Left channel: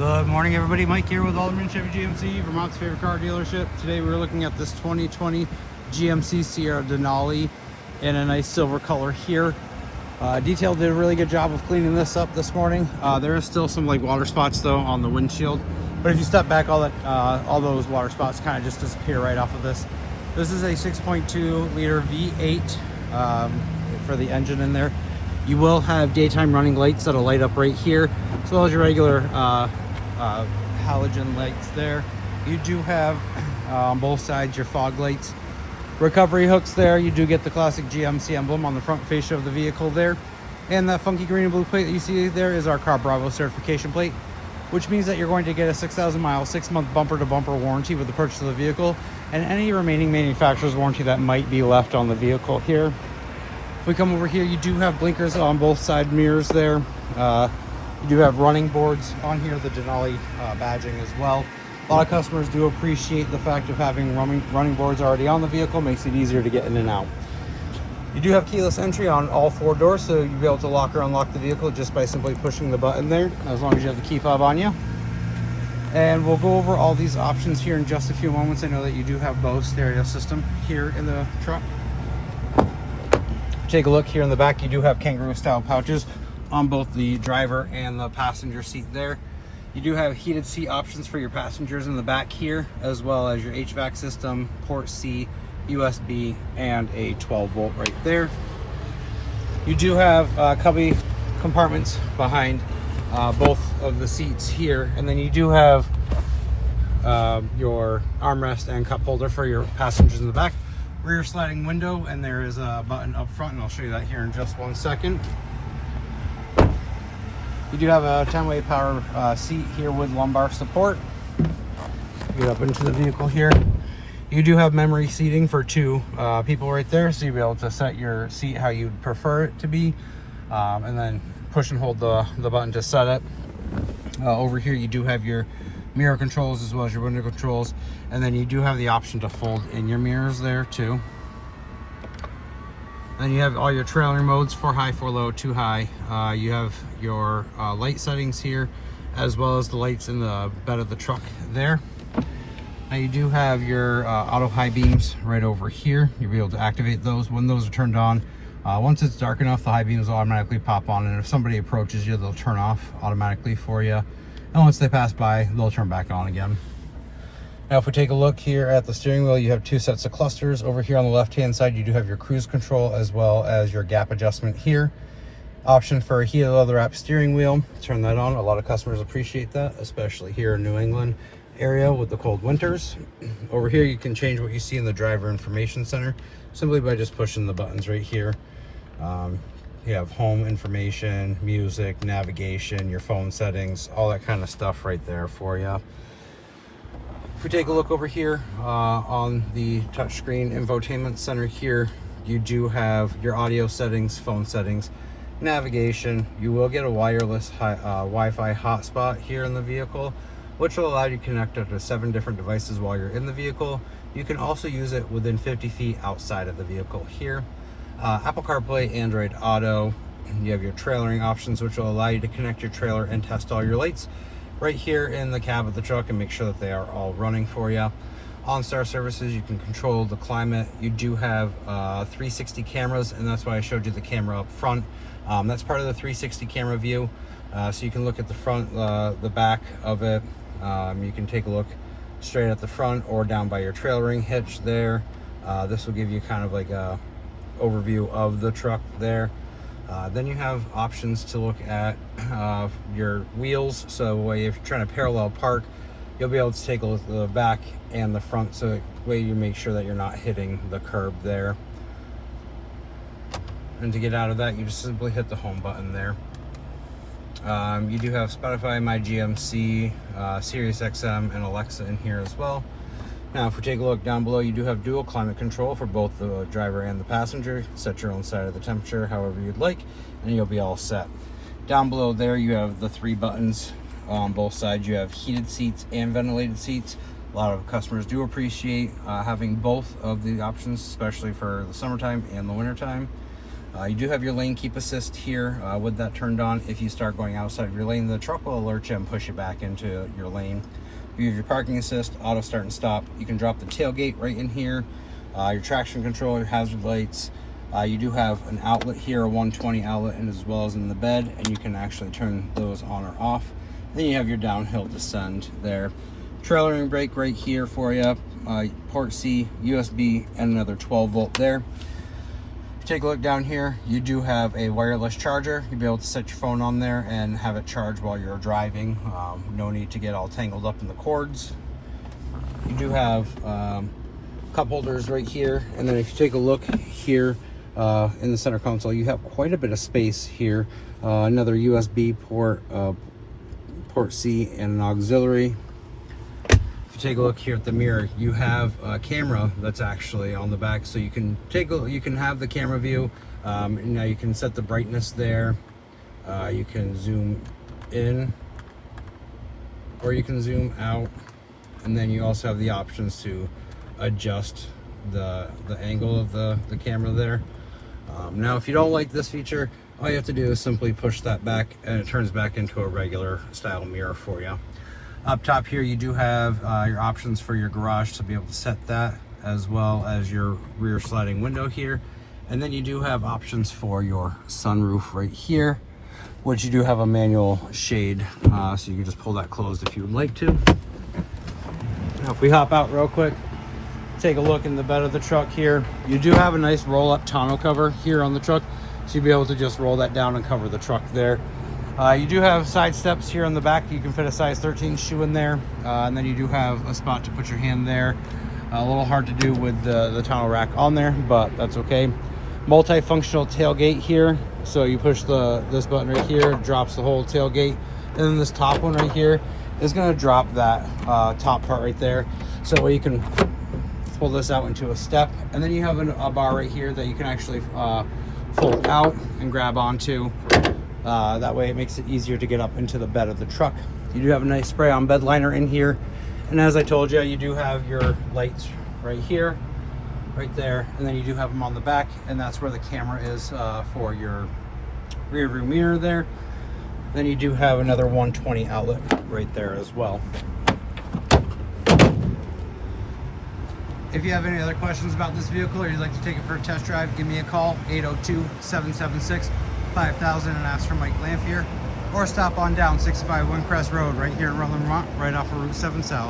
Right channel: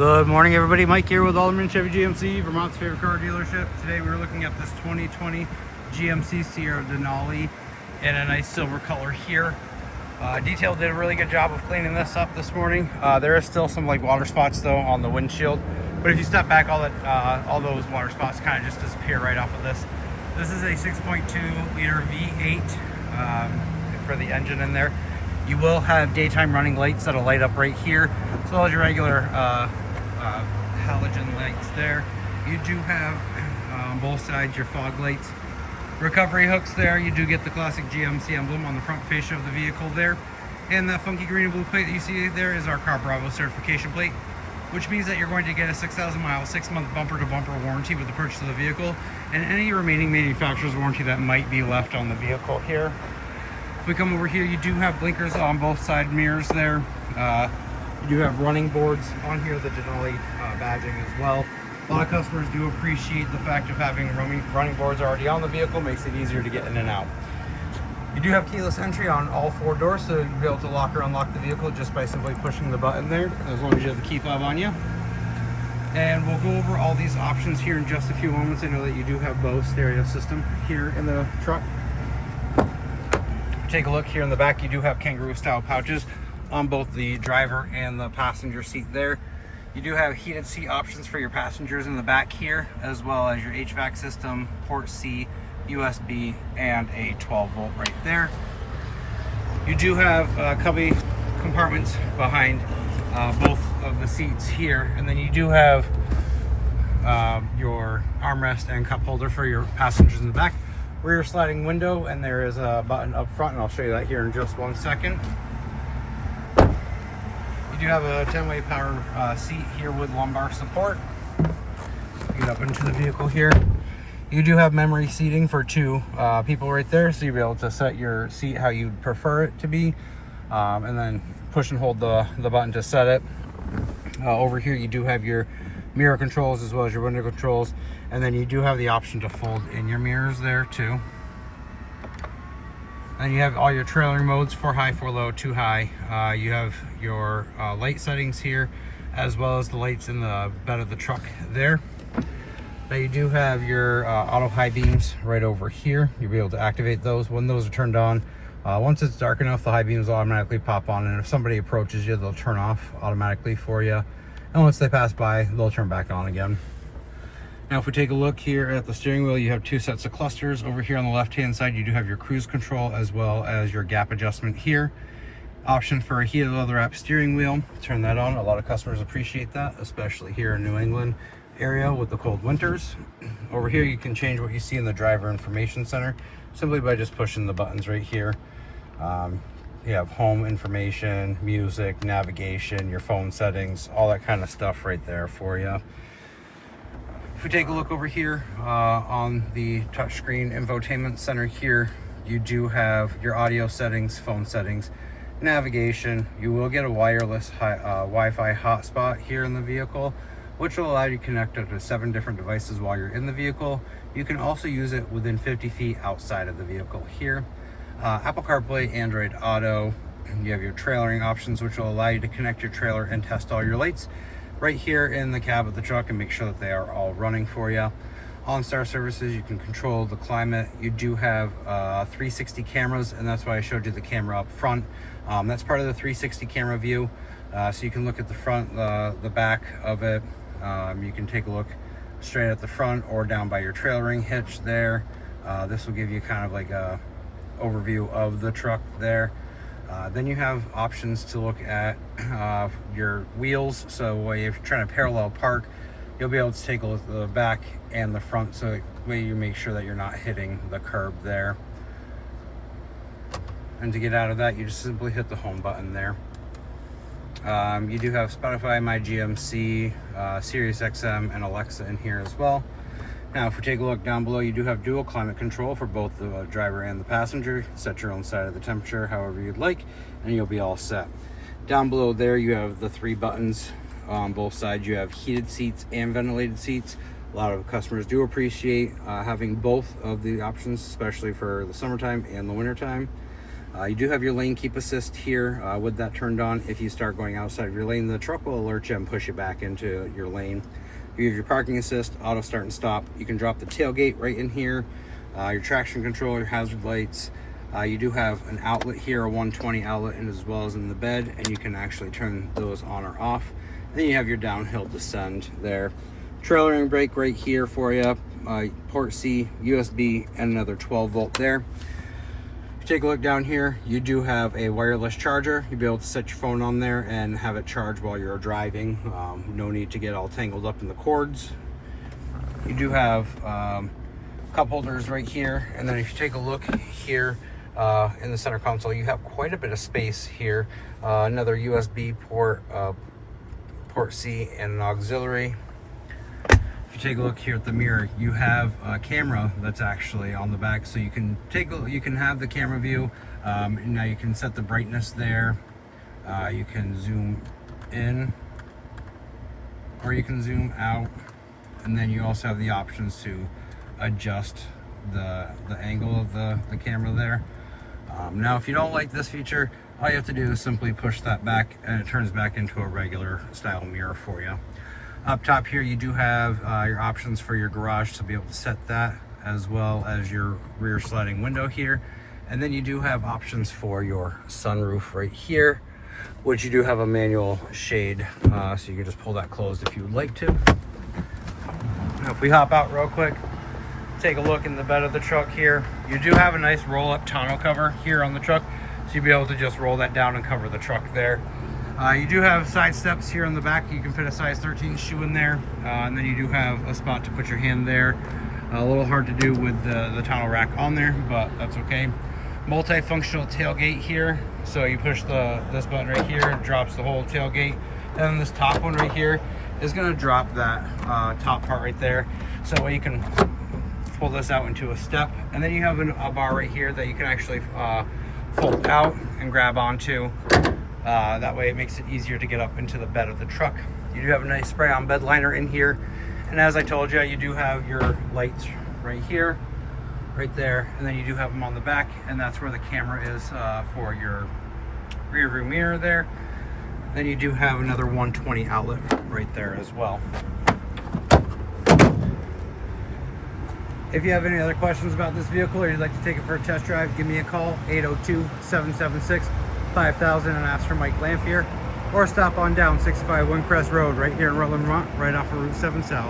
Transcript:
Good morning, everybody. Mike here with Alderman Chevy GMC, Vermont's favorite car dealership. Today we're looking at this 2020 GMC Sierra Denali in a nice silver color here. Detail did a really good job of cleaning this up this morning. There is still some like water spots though on the windshield, but if you step back, all those water spots kind of just disappear right off of this. This is a 6.2 liter V8 for the engine in there. You will have daytime running lights that'll light up right here, as well as your regular halogen lights there. You do have on both sides your fog lights, recovery hooks there. You do get the classic GMC emblem on the front fascia of the vehicle there, and that funky green and blue plate that you see there is our Car Bravo certification plate, which means that you're going to get a 6,000 mile 6-month bumper to bumper warranty with the purchase of the vehicle, and any remaining manufacturer's warranty that might be left on the vehicle here. If we come over here, you do have blinkers on both side mirrors there. You do have running boards on here, the Denali badging as well. A lot of customers do appreciate the fact of having running boards already on the vehicle. Makes it easier to get in and out. You do have keyless entry on all 4 doors, so you'll be able to lock or unlock the vehicle just by simply pushing the button there, as long as you have the key fob on you. And we'll go over all these options here in just a few moments. I know that you do have Bose stereo system here in the truck. Take a look here in the back. You do have kangaroo style pouches on both the driver and the passenger seat there. You do have heated seat options for your passengers in the back here, as well as your HVAC system, port C, USB, and a 12 volt right there. You do have cubby compartments behind both of the seats here, and then you do have your armrest and cup holder for your passengers in the back. Rear sliding window, and there is a button up front, and I'll show you that here in just 1 second. You do have a 10-way power seat here with lumbar support. Get up into the vehicle here. You do have memory seating for 2 people right there, so you'll be able to set your seat how you'd prefer it to be, and then push and hold the button to set it. Over here you do have your mirror controls as well as your window controls, and then you do have the option to fold in your mirrors there too. And you have all your trailering modes, 4 high, 4 low, 2 high. You have your light settings here, as well as the lights in the bed of the truck there. Now you do have your auto high beams right over here. You'll be able to activate those when those are turned on. Once it's dark enough, the high beams will automatically pop on, and if somebody approaches you, they'll turn off automatically for you. And once they pass by, they'll turn back on again. Now if we take a look here at the steering wheel, you have 2 sets of clusters. Over here on the left hand side, you do have your cruise control as well as your gap adjustment here. Option for a heated leather wrap steering wheel. Turn that on. A lot of customers appreciate that, especially here in New England area with the cold winters. Over here you can change what you see in the driver information center simply by just pushing the buttons right here. You have home information, music, navigation, your phone settings, all that kind of stuff right there for you. If we take a look over here on the touchscreen infotainment center here, you do have your audio settings, phone settings, navigation. You will get a wireless Wi-Fi hotspot here in the vehicle, which will allow you to connect up to 7 different devices while you're in the vehicle. You can also use it within 50 feet outside of the vehicle here. Apple CarPlay, Android Auto. You have your trailering options, which will allow you to connect your trailer and test all your lights right here in the cab of the truck and make sure that they are all running for you. OnStar services, you can control the climate. You do have 360 cameras, and that's why I showed you the camera up front. That's part of the 360 camera view, so you can look at the front, the back of it. You can take a look straight at the front or down by your trailering hitch there. This will give you kind of like a overview of the truck there. Then you have options to look at your wheels, so if you're trying to parallel park, you'll be able to take a look at the back and the front, so that way you make sure that you're not hitting the curb there. And to get out of that, you just simply hit the home button there. You do have Spotify, My GMC, Sirius XM, and Alexa in here as well. Now if we take a look down below, you do have dual climate control for both the driver and the passenger. Set your own side of the temperature however you'd like, and you'll be all set. Down below there you have the 3 buttons on both sides. You have heated seats and ventilated seats. A lot of customers do appreciate having both of the options, especially for the summertime and the wintertime. You do have your lane keep assist here with that turned on. If you start going outside of your lane, the truck will alert you and push you back into your lane. You have your parking assist, auto start and stop. You can drop the tailgate right in here. Your traction control, your hazard lights. You do have an outlet here, a 120 outlet, and as well as in the bed, and you can actually turn those on or off. Then you have your downhill descend there. Trailering brake right here for you. Port C, USB, and another 12 volt there. Take a look down here. You do have a wireless charger. You'll be able to set your phone on there and have it charge while you're driving. No need to get all tangled up in the cords. You do have cup holders right here, and then if you take a look here in the center console, you have quite a bit of space here. Another USB port, port C, and an auxiliary. If you take a look here at the mirror, you have a camera that's actually on the back, so you can have the camera view. Now you can set the brightness there. You can zoom in or you can zoom out, and then you also have the options to adjust the angle of the camera there. Now if you don't like this feature, all you have to do is simply push that back and it turns back into a regular style mirror for you. Up top here you do have your options for your garage to be able to set that, as well as your rear sliding window here. And then you do have options for your sunroof right here, which you do have a manual shade, so you can just pull that closed if you would like to. Now if we hop out real quick, take a look in the bed of the truck here. You do have a nice roll-up tonneau cover here on the truck, so you'll be able to just roll that down and cover the truck there. You do have side steps here on the back. You can fit a size 13 shoe in there, and then you do have a spot to put your hand there. A little hard to do with the tonneau rack on there, but that's okay. Multifunctional tailgate here, so you push this button right here, it drops the whole tailgate, and then this top one right here is going to drop that top part right there, so that way you can pull this out into a step. And then you have a bar right here that you can actually pull out and grab onto. That way it makes it easier to get up into the bed of the truck. You do have a nice spray on bed liner in here, and as I told you do have your lights right here, right there, and then you do have them on the back, and that's where the camera is for your rear view mirror there. Then you do have another 120 outlet right there as well. If you have any other questions about this vehicle, or you'd like to take it for a test drive, give me a call, 802-776-5000, and ask for Mike Lamphere, or stop on down 651 Crest Road right here in Rutland, Vermont, right off of Route 7 South.